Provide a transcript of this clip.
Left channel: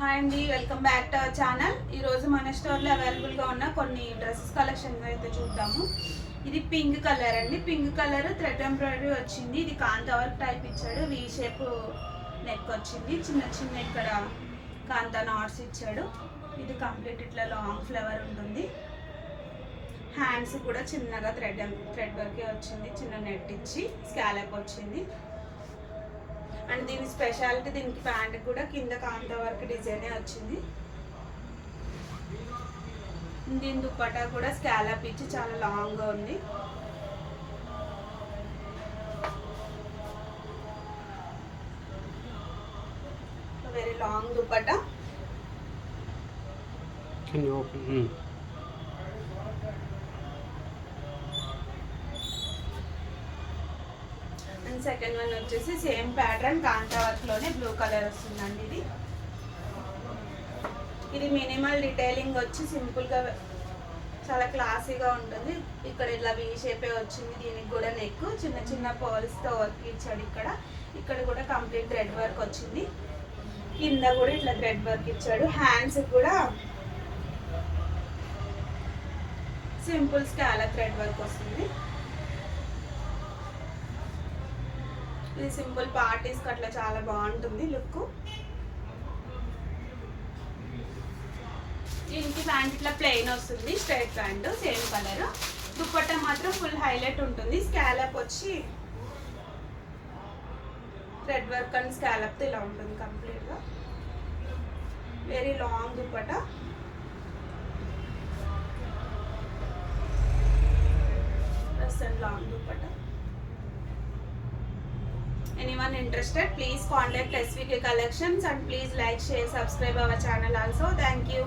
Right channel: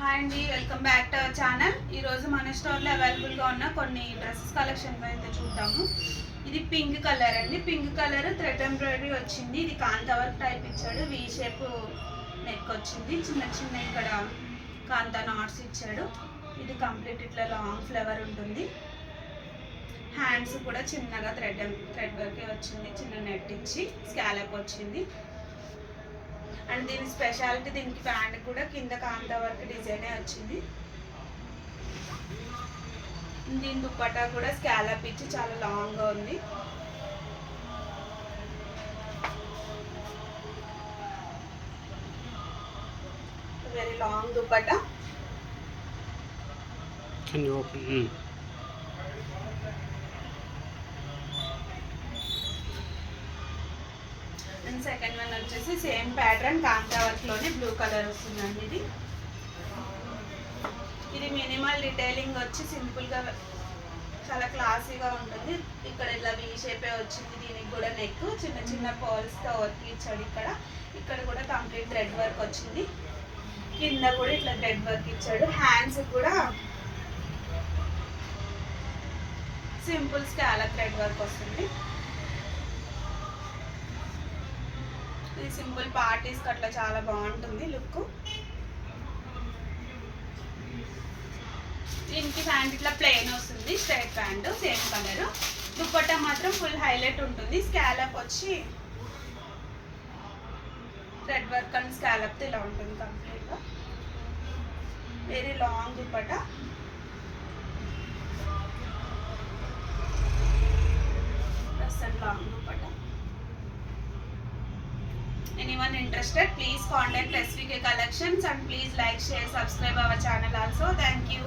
Hi అండి, welcome back to our channel. ఈరోజు మన స్టోర్లో అవైలబుల్గా ఉన్న కొన్ని డ్రెస్సెస్ కలెక్షన్ అయితే చూద్దాము. ఇది పింక్ కలర్ అండి. పింక్ కలర్ థ్రెడ్ ఎంబ్రాయిడరీ వచ్చింది. ఇది కాంతా వర్క్ టైప్ ఇచ్చాడు. వీ షేప్ నెక్ వచ్చింది. చిన్న చిన్న ఇక్కడ కాంతా నాట్స్ ఇచ్చాడు. ఇది కంప్లీట్ ఇట్లా లాంగ్ ఫ్లవర్ ఉంటుంది. హ్యాండ్స్ కూడా చిన్నగా థ్రెడ్ వర్కే వచ్చింది. చిన్న నెట్ ఇచ్చి స్కాలప్ వచ్చింది. అండ్ దీని స్పెషాలిటీ, దీనికి ప్యాంట్ కూడా కింద కాంతా వర్క్ డిజైనే వచ్చింది. దీని దుపట్టా కూడా స్కాలప్ ఇచ్చి చాలా లాంగ్గా ఉంది. Very long dupatta. And second one వచ్చేసి సేమ్ ప్యాటర్న్ కాంతా వర్క్ లోనే బ్లూ కలర్ వస్తుందండి. ఇది మినిమల్ డీటెయిలింగ్ వచ్చి సింపుల్ గా చాలా క్లాసీగా ఉంటుంది. ఇక్కడ ఇలా వీ షేపే వచ్చింది. దీనికి కూడా నెక్ చిన్న చిన్న పర్ల్స్ తో వర్క్ ఇచ్చాడు. ఇక్కడ కూడా కంప్లీట్ థ్రెడ్ వర్క్ వచ్చింది. కింద కూడా ఇట్లా థ్రెడ్ వర్క్ ఇచ్చాడు. హ్యాండ్స్ కూడా సింపుల్ స్కాలప్ థ్రెడ్ వర్క్ వస్తుంది. ఇది సింపుల్ పార్టీస్కి అట్లా చాలా బాగుంటుంది లుక్. దీనికి ప్యాంట్ ఇట్లా ప్లెయిన్ వస్తుంది, straight pant same colour. Dupatta మాత్రం ఫుల్ హైలైట్ ఉంటుంది. స్కాలప్ వచ్చి థ్రెడ్ వర్క్ అండ్ స్కాలప్ ఇలా ఉంటుంది కంప్లీట్గా. Very long dupatta. Long dupatta. Anyone interested, please contact SVK Collections and please like, share, subscribe our channel also. Thank you.